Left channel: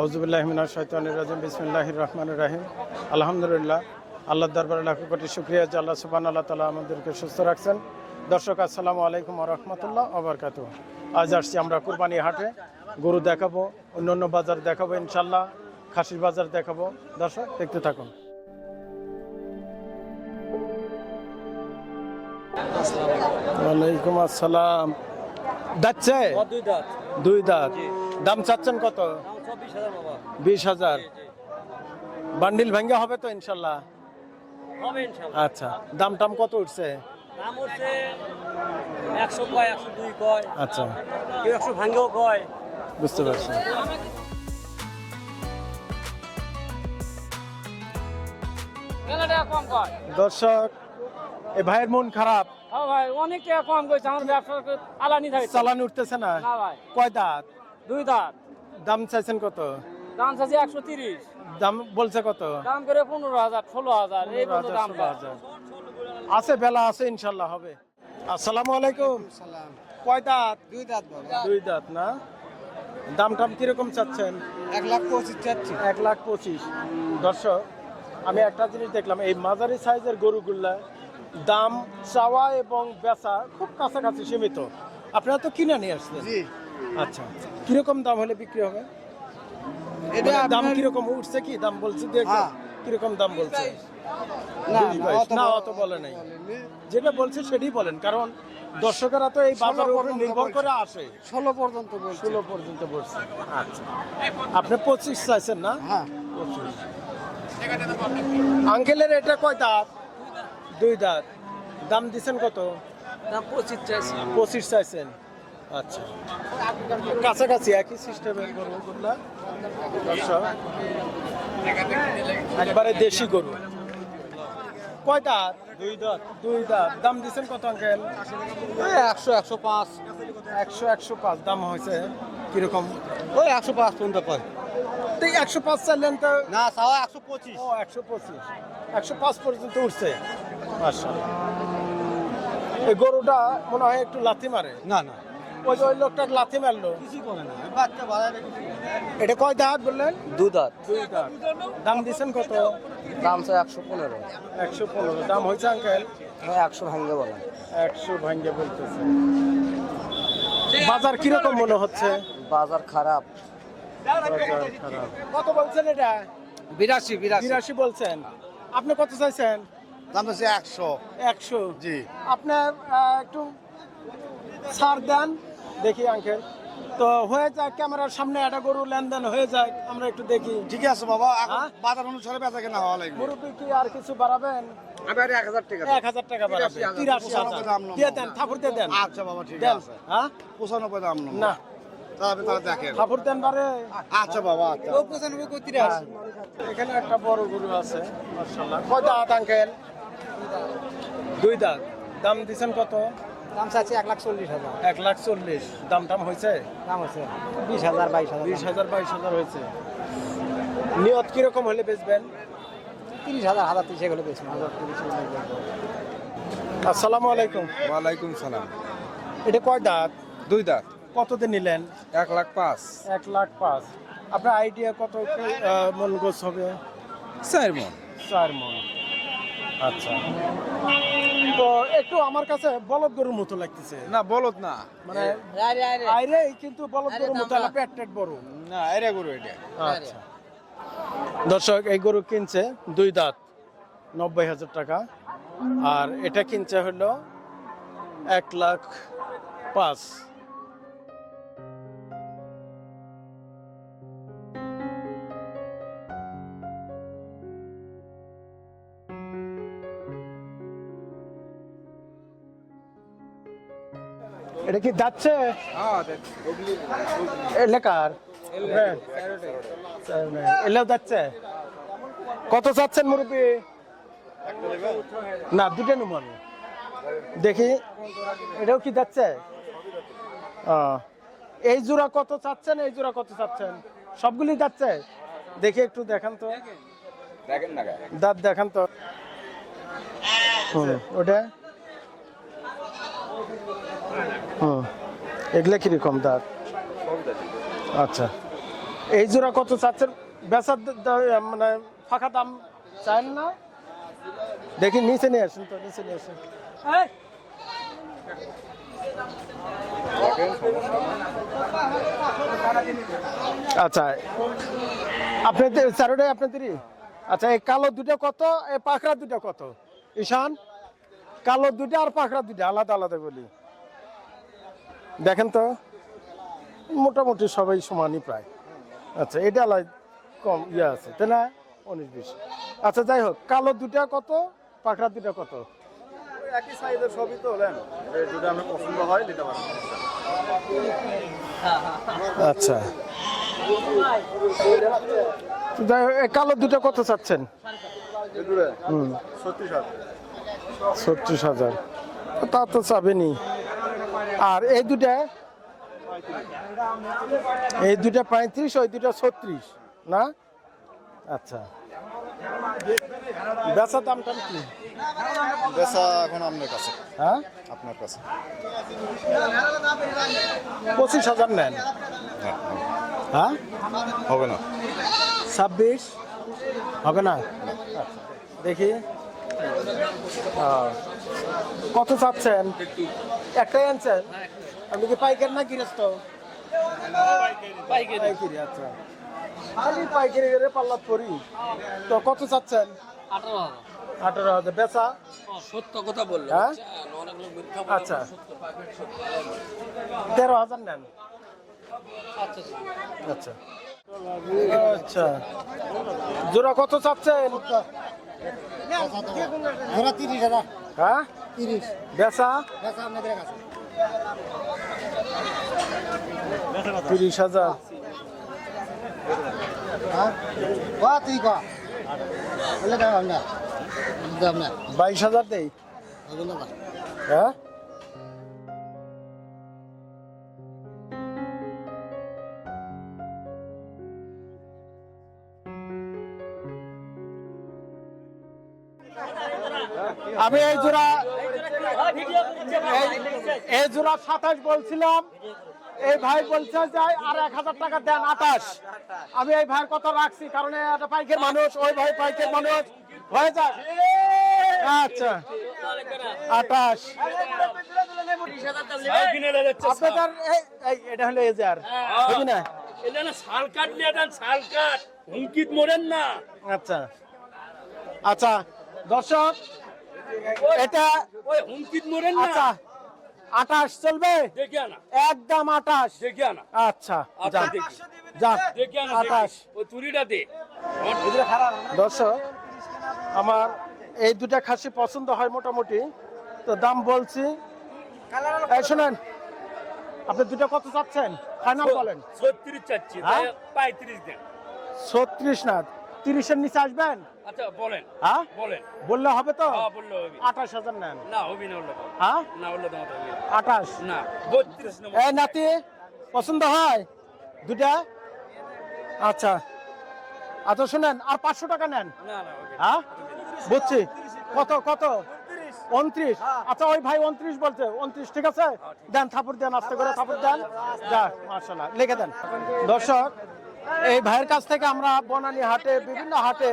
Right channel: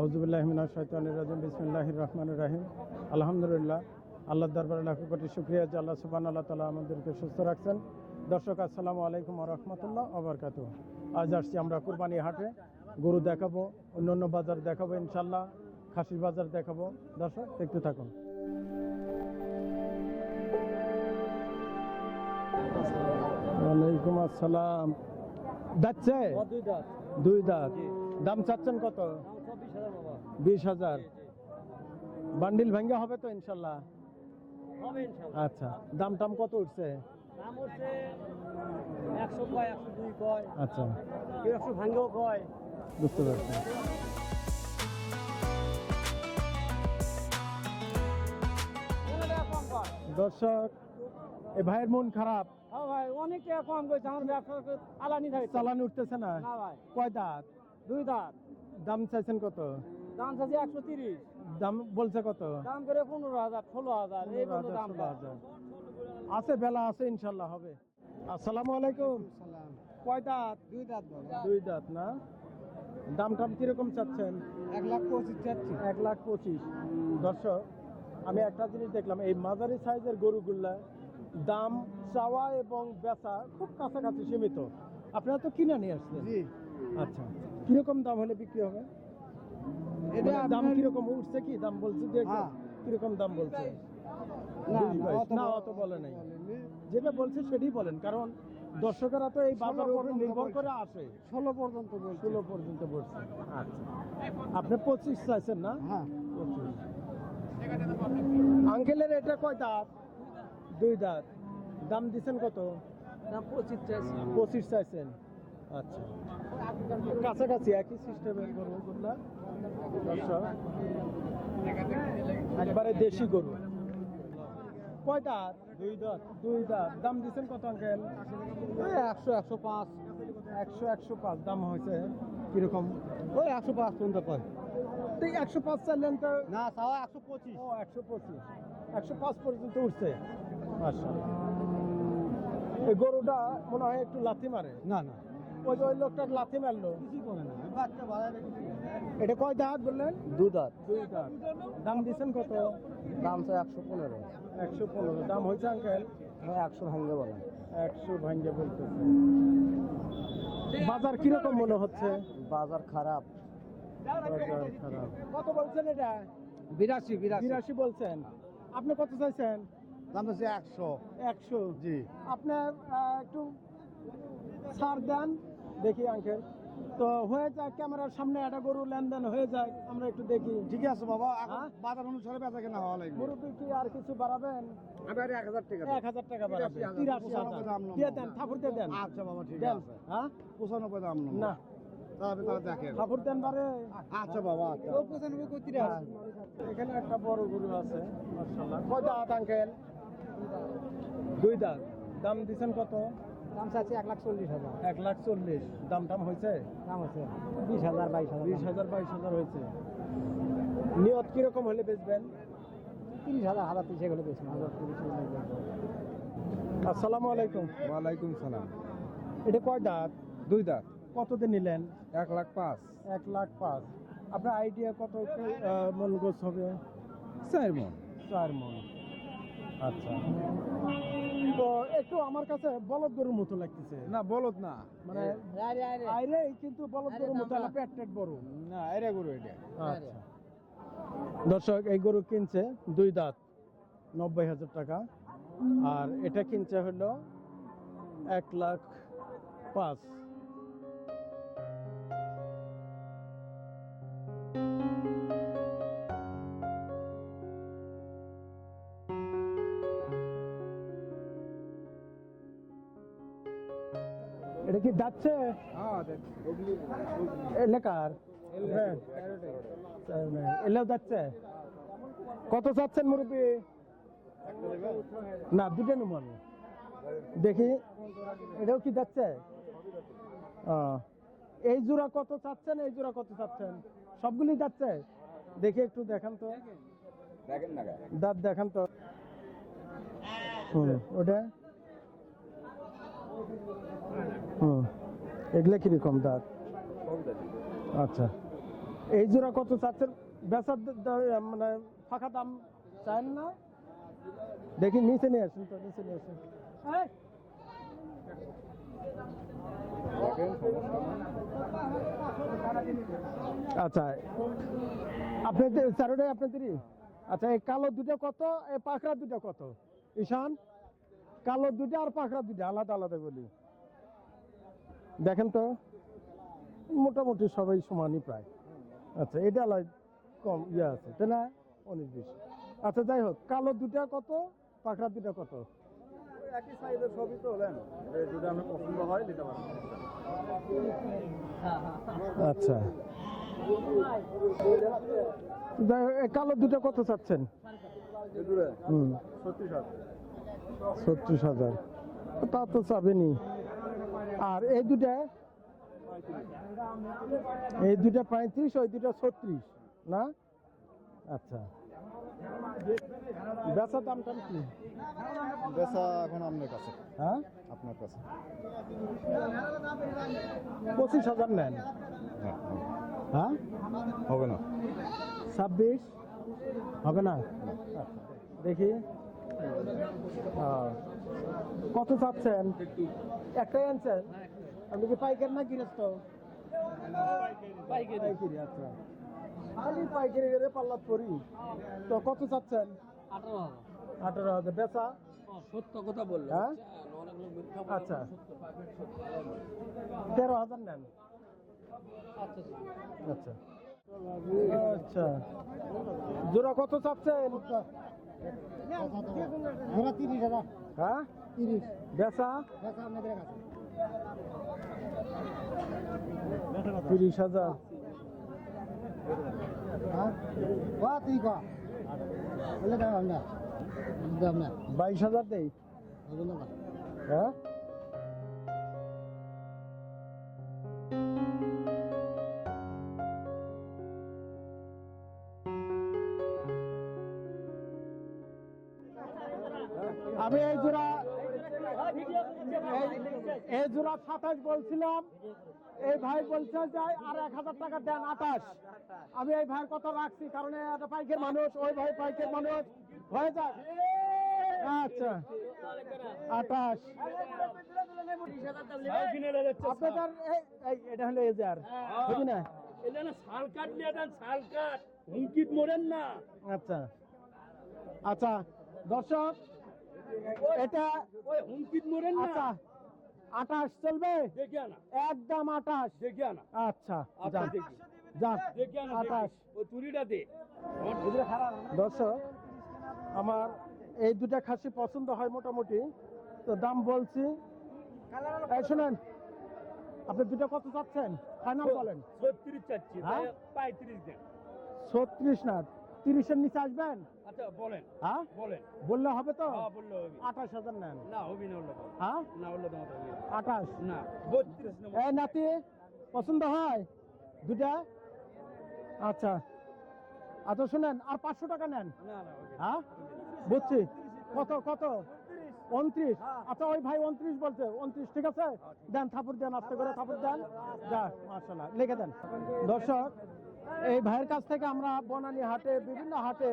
আউজুবিল্লাহমিনা শৈতানির রাজিম বিসমিল্লাহির রহমান রাহিম। আলহামদুলিল্লাহ আল্লাহ দরবারে লাখ কোটি শুক্রিয়া যে আল্লাহ সুবান আল্লাহ তালা আমাদেরকে সুস্থ রাখছেন। দর্শক আসসালামু আলাইকুম রহমতুল্লাহ আবরকাত আজ আসছি আমরা কুরবানি হাটে। গরু দেখাবো অন্য অন্য বাজার দেখাবো ইনশাল্লাহ খাসির বাজার দেখাবো। দর্শক দেখতে থাকুন। ওয়ালাইকুম আসসালাম। যাচ্ছে দুই দাঁত। দাম চাচ্ছেন কত? বিশ হাজার বান্ডিল ভেঙ্গে হবে তো ইনশাল্লাহ? আচ্ছা দাম টাম কত উঠছে? আচ্ছা। বুঝতে পারছি। দর্শক এ ভাইয়ের মন খারাপ। ভাই অনেক কম করেছে আমার ব্যবসা আলানি থাকে চালান উঠতেছে না? না কয় দাঁত? দুই দাঁত। দাম চাইছেন কত? দাম চাইছে একশো তিরিশ। দাম বলছে কত? দাম করে পনেরো হাজার ষোলো হাজার এই পর্যন্ত হাজার, দাম হাজার। আছে বেলা আছে ইনশাল্লাহ হবে। আসসালামু আলাইকুম। কয় দাঁত? দুই দাঁত দুই দাঁত না? দাম টাম কীরকম চাচ্ছেন? এক লাখ পঁচিশ চাচ্ছি। এক লাখ পঁচিশ। দর্শক আমি একটা জিনিস দেখলাম এই মাঝারি সাইজের গরুগুলা দাম চাওয়া এবং বেচা খুব কাছাকাছি সীমিত। আপনারা তো কিনে নিয়ে আসছেন। জি। আচ্ছা কীরকম দাম হলে বিক্রি হবে? এটা মানে দাম কীরকম? উঠছে কি? দাম বলছে দেখো হ্যাঁ। কীরকম দাম বলছে? না। অত বলে নাই। বলেনি। যেটা বলছে সেটাই বলেন কারণ দর্শকেরা তো এই বাজারের উপরে নির্ভর করে আসে। ষোলো পর্যন্ত ষোলো পর্যন্ত বলছে। আচ্ছা। আপনি পঁচিশ চাইছেন না? হ্যাঁ। পঁচিশ। আঙ্কেলের এটা কয় দাঁত? দুই দাঁত। দাম দিছেন কত? দাম পঁচিশ চাইছি। পঁচিশ চাইছেন। আচ্ছা। কাছাকাছি একই সিস্টেমের গরু গুলা দর্শক। একবারে দেশি গরু। কয় দাঁত দুই দাঁত। দুই দাঁত। দাম দিছেন কত আঙ্কেল? একশো একশো পাঁচ। একশো একশো পাঁচ। দাম হয়েছে কীরকম? ওই একশো পাঁচ পর্যন্ত কয় তো একশো পাঁচ চাইলেন তো না সাওয়া একশো পঁচিশ। ও একশো পঁচিশ। একশো পাঁচ পর্যন্ত উঠছে। আচ্ছা এই গরুটা মনে হয় একটু লাথি মারে। না না। ওই ওই লোকটা লাথি মারলো। এটা কয় দাঁত বললেন? দু দাঁত। দাম দিচ্ছেন কত? দাম চাই একশো পনেরো। একশো পনেরো। দাম হয়েছে আঙ্কেল? একশো ভাঙ্গে বলেন। একশো ভাঙ্গে বলতেছে। বাজার কীরকম মনে হচ্ছে? বাজার খারাপ। খারাপ। কত বলছেন এটা? বিরাশি বিরাশি। বিরাশি বলছেন। আপনি কত চাইছেন? দাম হচ্ছে একশো। একশো। জি। আপনার একটু ছাড় দেন। দেখি আঙ্কেল। তো হয়ে যাক ক্যামেরার সামনে একটা গরু লেনদেন হয়ে যায় আমরা একটু দেখি। ঠিক আছে বাবা এখন হ্যাঁ? বাজার অনুসারে বেচা কেনা হওয়া লাগবে। মুরব্বী কি আর কিছু বাড়াবেন? আমি আর এক হাজার টাকা এক হাজার টাকা বাড়াবেন। হাজার, তিরাশি হাজার। দাম দিয়ে দেন ঠাকুর দিয়ে দেন। আচ্ছা বাবা ঠিক আছে। হ্যাঁ? পঁচানব্বই দাম না। আচ্ছা বাবা আচ্ছা। তিরাশি? এখানে একটা বড় গরু আছে মার্শাল্লাহ কয় দাঁত আঙ্কেল? দুই দাঁত। দাম দিছেন কত? দাম চাচ্ছি এক লাখ চল্লিশ হাজার। এক লাখ চল্লিশ। দাম টাম হয়েছে? দাম আছে বিশ হাজার বাইশ হাজার। বিশ হাজার বাইশ হাজার হয়েছে। নিয়ত কীরকম হলে বেচবেন? তিরিশ হাজার হাজার তিরিশ এগুলো বেশি হাজার তিরিশ আসসালামু আলাইকুম। ওয়ালাইকুম সালাম। এটা কয় দাঁত? দুই দাঁত। কতদিন নিলেন? এক লাখ পাঁচ। এক লাখ পাঁচ। আপনার আইডিয়া কত মন গোছ হবে? চার মন। চার মন। আচ্ছা। তো একটু আমার কাছে বলদ গরুর মতো লাগতেছে। না বলত না। মানে আইরে কিন্তু বলদ গরুর মতো না পেট টেট বড়। না এরে গরু এটা। আচ্ছা। দর্শক এই গরু কিনছে দুই দাঁত নব্বই হাজার টাকা। আর এটা কিনছে হলো এক লাখ পাঁচ। কি যাচ্ছে? এলাকার এলেও যাচ্ছে? কত চাচ্ছেন মুরব্বী? না দুটো নুমন দেখি। এটাও কি যাচ্ছে? এই জোড়া কত চাচ্ছেন এই জোড়া কত চাচ্ছেন? সবগুলি যাচ্ছে? দেখি একটু দেখান তো। দেখেন দাঁত দেখান তো। ওটা? হুম এগুলা কীরকম দাঁত আচ্ছা। এই জোড়া কত চাচ্ছেন? বেচার মানে ফাঁকা দাম চান না? দেখি নিচে নিয়ে আসুন তো নিচে নিয়ে আসুন। আচ্ছা আপনাদের চারোটাই আপনাদেরই আচ্ছা এই কালো দুটো কত এই পাখরা দুটো কত? ঈশান কালো দুটো আর পাখরা দুটো আলাদা আলাদা বলি। দেখেন তো মোটামুটি সবাই সমানই প্রায়। আচ্ছা এটা আলাদা কম ইয়ে আছে তাই না? উনিশ বিশ। আচ্ছা যাই হোক কালো দুটা কত? পাখরা দুটা কত? একই সাইজের সবই তো হলেন যেটা আপনার পছন্দ হয় নিতে পারেন। আচ্ছা। যাই হোক, কালো দুটো কত চাচ্ছেন? ছত্রিশ হাজার। তা তো চাবেনি আর এই দুটা এই দুটা পঁয়ত্রিশ ওই দুটা ছত্রিশ না? আচ্ছা। বেচা দাম টাম কি? বেচা এখন আপনার কাছে। হ্যাঁ? আপনার কাছে। পঁচিশ হাজার নেন। হ্যাঁ হবে। না। ছাব্বিশ? হবে না। আচ্ছা, দেখি। কত চাচ্ছেন? একটাই আনছেন আপনি কি পাইকার না গৃহস্থ? পাইকারি। আচ্ছা। আমি পাইকারি করে পাল্লা করি তো কত চাচ্ছেন? আঠারো হাজার। বেচা? সত্য কথা বলল হ্যাঁ? আচ্ছা। সত্য। তেরো হাজার নেন। আচ্ছা আচ্ছা। আচ্ছা। আচ্ছা। জোড়া কত চাচ্ছেন? ওরা তিরিশ হাজার। হ্যাঁ? তিরিশ। বেচা? বেচা আপনাদের কাছে তিরিশ হাজার। হ্যাঁ? ক তুই ক? বলে দাও দাম না বাইশ হাজার দেই। হ্যাঁ? আমি এই জোড়া এই- জোড়া সাতাশ বলছিলাম। এই ভাই বলছে যে আর এক হাজার টাকা দেন আঠাশ আমি এই ভাইয়ের কথা রাখছি কারণ একটা পাইকের মানুষ ওই ভাই পাইকের মানুষ। হয়ে যাক। আচ্ছা আঠাশ আপনাদের এটা হলো এজার বুঝি না? এটা না শাল কাট নিয়ে দেন শাল কাট। হুমকিত মরেন না। আচ্ছা। আচ্ছা দর্শক এটা ওই হুমকিত না? আচ্ছা আঠাশ চলবে? একদম আঠাশ। দেখে আনা। আচ্ছা আচ্ছা, দর্শক আমার এই দুটা খাসি পছন্দ হয় মোটামুটি। তো দাম বলছি। শোনেন আপনি দুটো কত চাচ্ছেন? ফাইনাল বলেন। ছত্রিশ চাচ্ছি হ্যাঁ? পঁয়ত্রিশ দেন। ছত্রিশ না তিরিশের নিচে আসবেন? আচ্ছা বলেন। হ্যাঁ? বলেন। বললে হবে তো? হ্যাঁ আঠাশ হাজার নেন। না হবি না হ্যাঁ? না। আঠাশ। না বত্রিশ এই নাতি পছন্দ হয়? দুটা আচ্ছা। আচ্ছা শুনেন আর পাঁচশো টাকা নেন। হ্যাঁ? বুঝছি কত কত? উনত্রিশ। আচ্ছা ওই ভাই উনত্রিশ বলছে। উনত্রিশ ঠিক আছে? দেন থাপুর দেন আস্তে করে থাপুর দেন। যাক মার্শাল্লাহ লিখে দেন। দর্শক এই ভাইয়ের কাছ থেকে আমরা বনানি হাটে, বিভিন্ন হাটে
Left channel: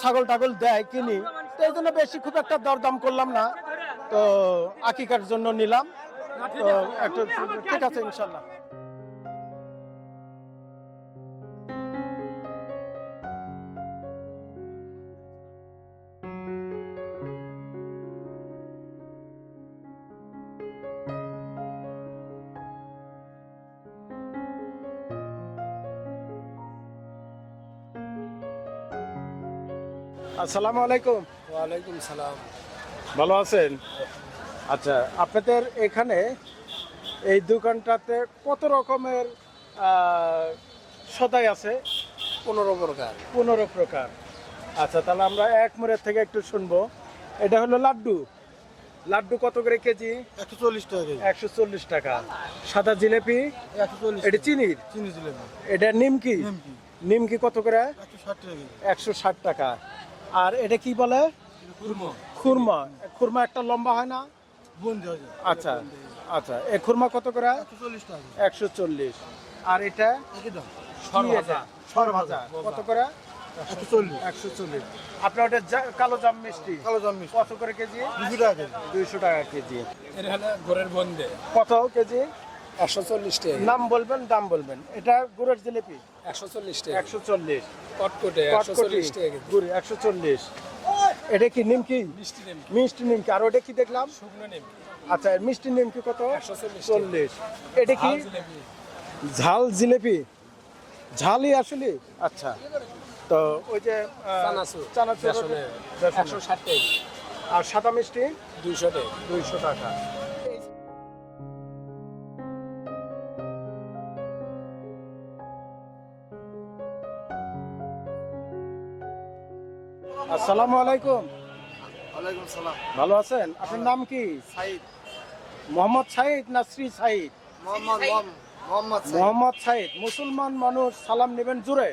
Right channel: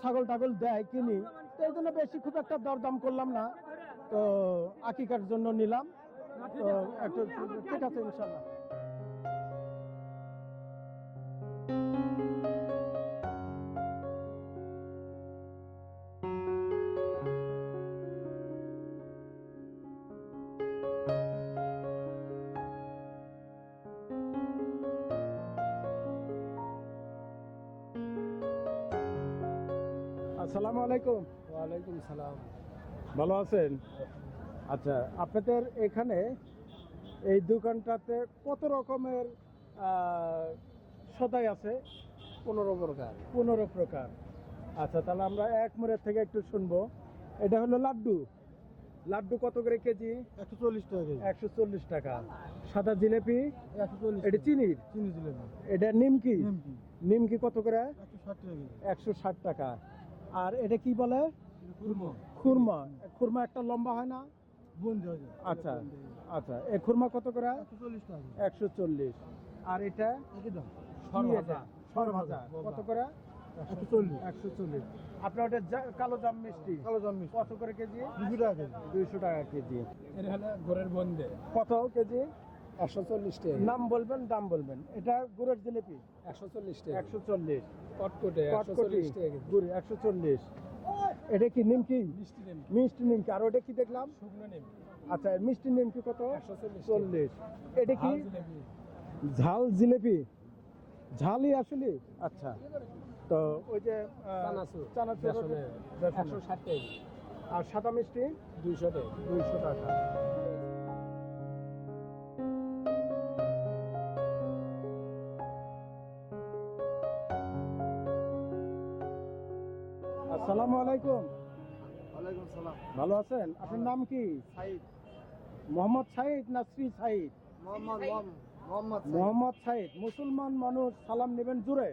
ছাগল টাগল দেয়, কিনি। তো এই জন্য বেশি খুব একটা দরদাম করলাম না। তো আকিকার জন্য নিলাম। তো একটু ঠিক আছে, ইনশাল্লাহ। আসসালামু আলাইকুম। ওয়ালাইকুম সালাম। ভালো আছেন? আচ্ছা আপনাদের এখানে এই দোকানটাতে কত রকমের সদাই আছে? পনেরো প্রকার। পনেরো প্রকার। আচ্ছা তাহলে আমরা এক মোড়ের থেকে একটু শুনব। এটা হলো লাড্ডু। লাড্ডু কত করে কেজি? একশো চল্লিশ টাকা একশো চল্লিশ টাকা। সাদা জিলেপি? একশো চল্লিশ। এটা চিনির চিনি জিলেপি। এটা নিমকি? নিমকি। নিমকি কত করে? একশো ষাট টাকা একশো ষাট টাকা। আর এটা কি বলে? কুরমা। খুরমা খুরমা একটা লম্বা হয় না? আচ্ছা আচ্ছা। এ খুরমা কত করে? একশো চল্লিশ আর এটা? একই দাম। সর কি ভাজা। এটা? সর ভাজা কত করে? একশো চল্লিশ। আপনার ওটা কালো জাম মিষ্টি? কালো জাম মিষ্টি। কত করে কেজি? দুশো টাকা কেজি। দুইশো টাকা কেজি। এটা হলো ঘরের বন্ধে কত কেজি? একশো চল্লিশ টাকা নাম বলবেন দাম বলবেন। এটা গুড়ের জিলিপি? একশো চল্লিশ টাকা একশো চল্লিশ। কটকটে একশো কটকটি চল্লিশ টাকা গুড় একশো চল্লিশ। এটা কি নিমকি? মিষ্টি নেম মিষ্টি নিমকি। আর ওটা কি দেখলাম? শুকনো আচ্ছা মিষ্টি নিমকি কত? একশো চল্লিশ। এটা কি? ঝাল জিলেপি। ঝালই আসলে? আচ্ছা। তো ওই যে চানাচুর। চানাচুর। একশো ষাট টাকা আর সাদা মিষ্টি? দুইশো টাকা। দুইশো টাকা। আসসালামু আলাইকুম। ওয়ালাইকুম সালাম ভালো আছেন? আপনার নাম কি? সাইদ। মোহাম্মদ সাইদ না শ্রী সাইদ? মোহাম্মদ মোহাম্মদ সাইদ। মুসলমান মানুষ সালাম নেবেন জুড়ে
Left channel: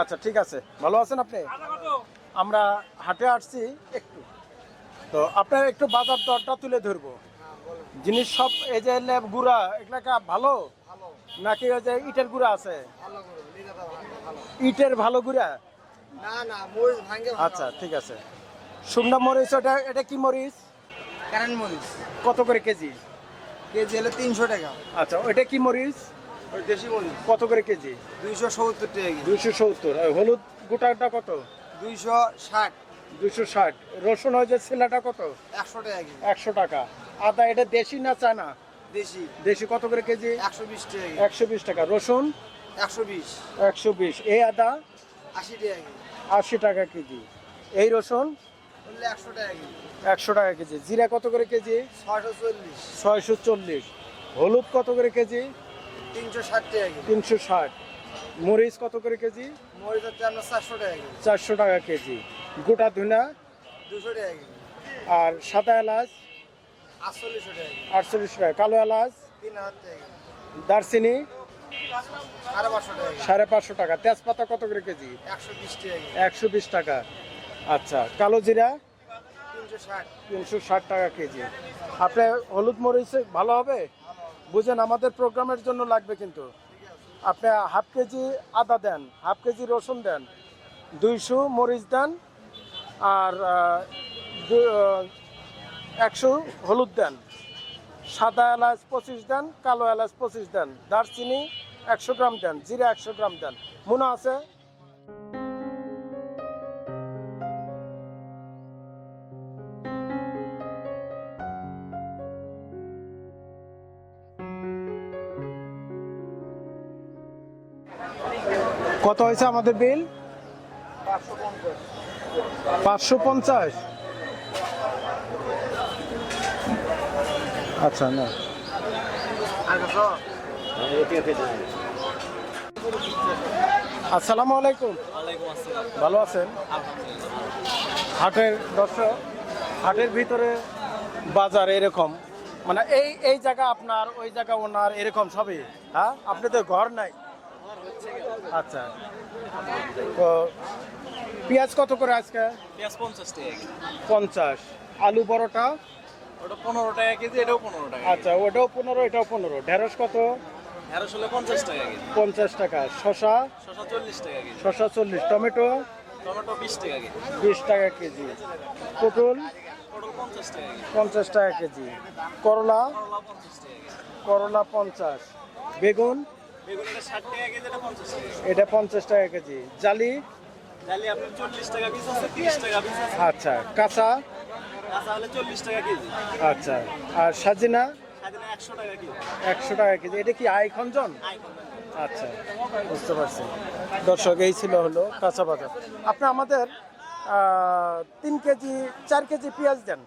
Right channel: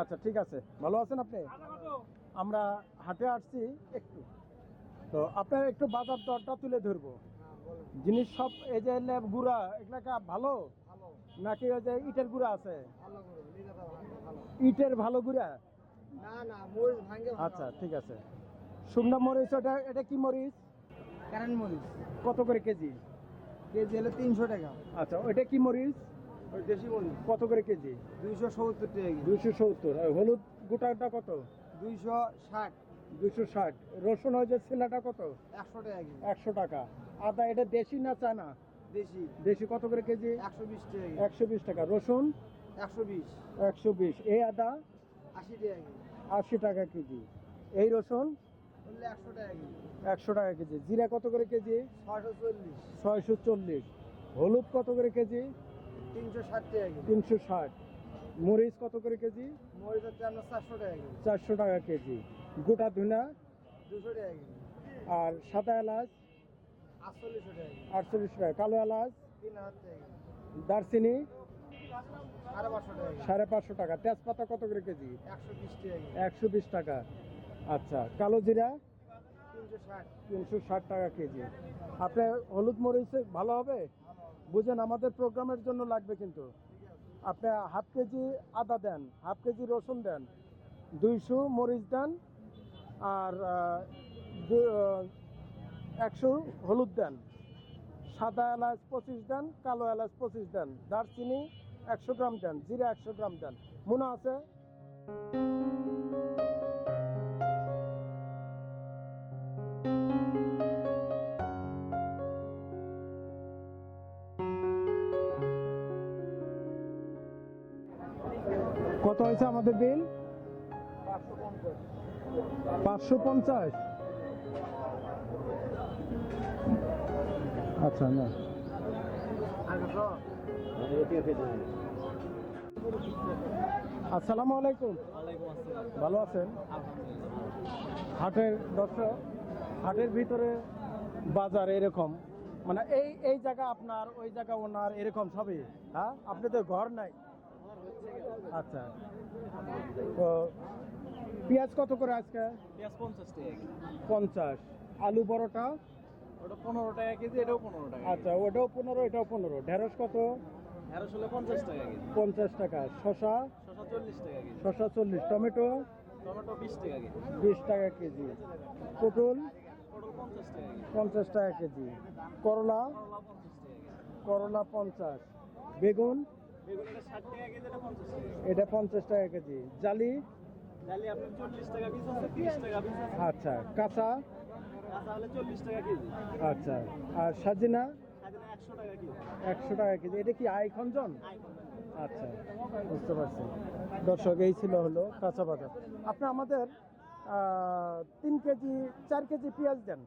আচ্ছা ঠিক আছে। ভালো আছেন আপনি? আমরা হাটে আসছি একটু। তো আপনার একটু বাজার দরটা তুলে ধরবো। জিনিস সব এই যে লেব গুড়া এগুলা কি ভালো? ভালো। নাকি ওই যে ইটের গুড়া আছে? ভালো করে লিখে দাও ভালো। ইটের ভালো গুড়া? না না মরিচ ভাঙ্গে আচ্ছা ঠিক আছে। শুকনা মরিচ ওটা এটা কি মরিচ? কারেন্ট মরিচ। কত করে কেজি? কেজি হলে তিনশো টাকা। আচ্ছা ওইটা কি মরিচ? ওই দেশি মরিচ। কত করে কেজি? দুইশো সত্তর টাকা দুইশো সত্তর। হলুদ গোটাটা কত? দুইশো ষাট। দুইশো ষাট। রসুন হয় যে ছেলাটা কত? একশো টাকা একশো টাকা। আদা এটা দেশি না চায়না দেশি। দেশি কত করে কেজি? একশো বিশ টাকা একশো বিশ টাকা। রসুন? একশো বিশ। একশো বিশ। এই আদা? আশি টাকা আশি টাকা কেজি। এই রসুন? একশো টাকা কেজি। একশো টাকা কেজি। জিরা কত করে কেজি? ছয়শো চল্লিশ। হলুদ কত করে কেজি? তিনশো ষাট টাকা তিনশো ষাট। মরিচ কত করে কেজি? মরিচ হচ্ছে আপনার চারশো টাকা কেজি। চারশো টাকা কেজি। গোটা ধুনা? দুশো টাকা কেজি। আর সাদা এলাচ? আটচল্লিশশো টাকা আটচল্লিশ টাকা। কালো এলাচ? তিন হাজার টাকা দারচিনি? সাড়ে পাঁচশো টাকা। তেজপাতা কত করে কেজি? একশো বিশ টাকা। আচ্ছা কালো জিরা? তিনশো ষাট টাকা কেজি। আপনার হলুদ মরিচ ভালো হবে? বুঝেন, আমাদের প্রোগ্রামের জন্য লাগবে কিন্তু। আপনি হাফ কেজি আদা দেন, হাফ কেজি রসুন দেন, দুইশো মরিচ দেন, আর একশো হলুদ দেন। সাদা এলাচ পঁচিশ দেন, কালো এলাচ পঁচিশ দেন। দারচিনি একশো গ্রাম দেন, জিরা একশো গ্রাম দেন। মনে আছে? কত হয়েছে আমাদের বিল? পাঁচশো পঞ্চাশ। আচ্ছা না। আসসালামু আলাইকুম। ভালো আছেন? হাটের দর্শক হাটের ভিতরে বাজার এরকম। মানে এই এই জায়গা আপনার ওই জায়গা ওনার এরকম সবই। হ্যাঁ? আপনি তো ঘর নাই। আচ্ছা। তো পেঁয়াজ কত করে আজকে? পেঁয়াজ পঞ্চাশ টাকা পঞ্চাশ। আলু বড়টা ওটা পনেরো টাকা কেজি এটাও পনেরো টাকা আচ্ছা ওটাও পনেরো এটাও পনেরো। ঢেঁড়স কত? পঞ্চাশ টাকা কেজি পঞ্চাশ টাকা শশা শশা চল্লিশ টাকা কেজি শশা চল্লিশ টমেটো টমেটো বিশ টাকা কেজি বিশ টাকা কেজি পটল পটল পঞ্চাশ টাকা কেজি পঞ্চাশ টাকা কেজি করলা করলা পঞ্চাশ টাকা কেজি করলা পঞ্চাশ বেগুন বেগুন এটা টাকা কেজি এটা পঞ্চাশ টাকা কেজি এটা পঞ্চাশ টাকা কেজি জালি ডালি আপনার চল্লিশ টাকা পিস আছে তিরিশ টাকা পিস আছে আচ্ছা কাঁচা কাঁচা হলে চল্লিশ টাকা কেজি আচ্ছা আর সাজিনা একশো টাকা কেজি। এটা কি আই খঞ্জন? আচ্ছা বুঝতে পারছি। দর্শক এই ছিল হলো কাঁচা বাজার। আপনি আমাদের তিন কেজি চার কেজি পেঁয়াজ দেন।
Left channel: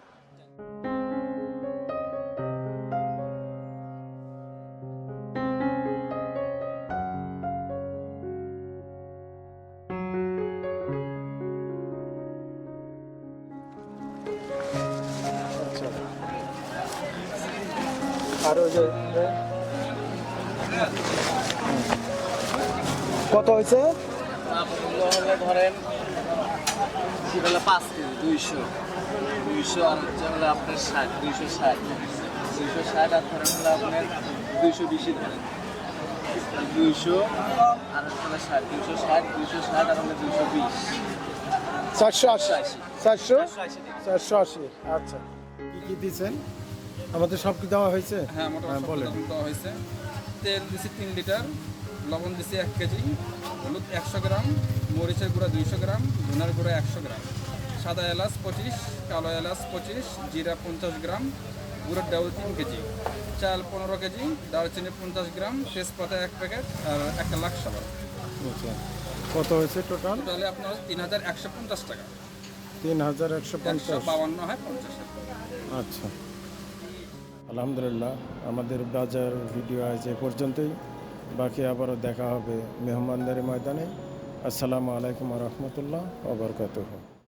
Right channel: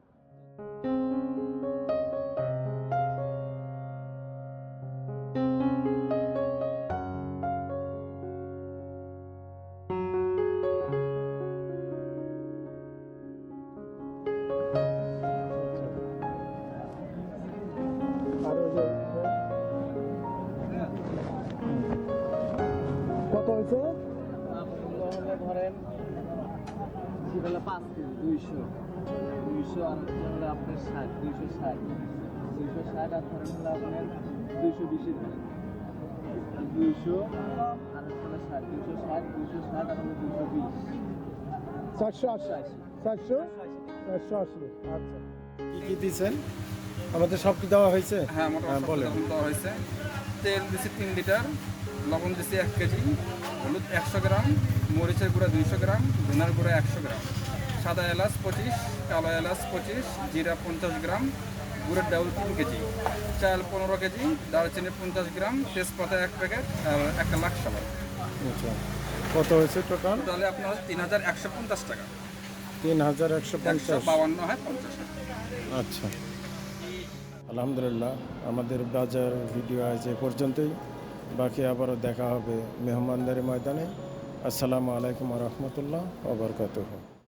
হয়েছে? ধরেন সেটা পাঁচ কেজি দুইশো। দুইশো আর হচ্ছে হলে আপনার ষাট দুইশো ষাট। দুইশো ষাট আর ধরেন হলে আপনার দুইশো বিশই ধরেন। দুইশো আর হচ্ছে ষাট দুইশো ষাট দুইশো ষাট আর হলে দুইশো বিশ। চারশো আশি। চারশো চারশো? আশি আচ্ছা। কি কি দিয়েছেন? আমাদের সব কি দেওয়া হয়েছে? হ্যাঁ মোটামুটি বলেন। দেওয়া হয়েছে। তেল দিছি তিন লিটার লবণ দিছি এক কেজি। হলুদ একশো গ্রাম মরিচের গুঁড়া দুইশো গ্রাম ধনার গুঁড়া একশো গ্রাম। সাদা এলাচ পঁচিশ কালো এলাচ পঁচিশ জিরা পঞ্চাশ গ্রাম গুঁড়ের ডাউল তিন কেজি। চাল পনেরো কেজি দারচিনি পঞ্চাশ গ্রাম তেজপাতা এক প্যাকেট আর একটা লাখ সাবান। আচ্ছা। কত হয়েছে টোটাল টোটালে আপনার হচ্ছে তিন হাজার একশো পঞ্চাশ টাকা। তিন হাজার একশো পঞ্চাশ। বাউান্ন হয় পঞ্চাশ। আচ্ছা। আলহামদুলিল্লাহ আমাদের বাজার ভিডিও আজ এ পর্যন্তই। বাকি আবারও দেখা হবে মেহমানদারি ময়দানে। আসসালামু আলাইকুম রহমতুল্লাহ ওবরকাতুহ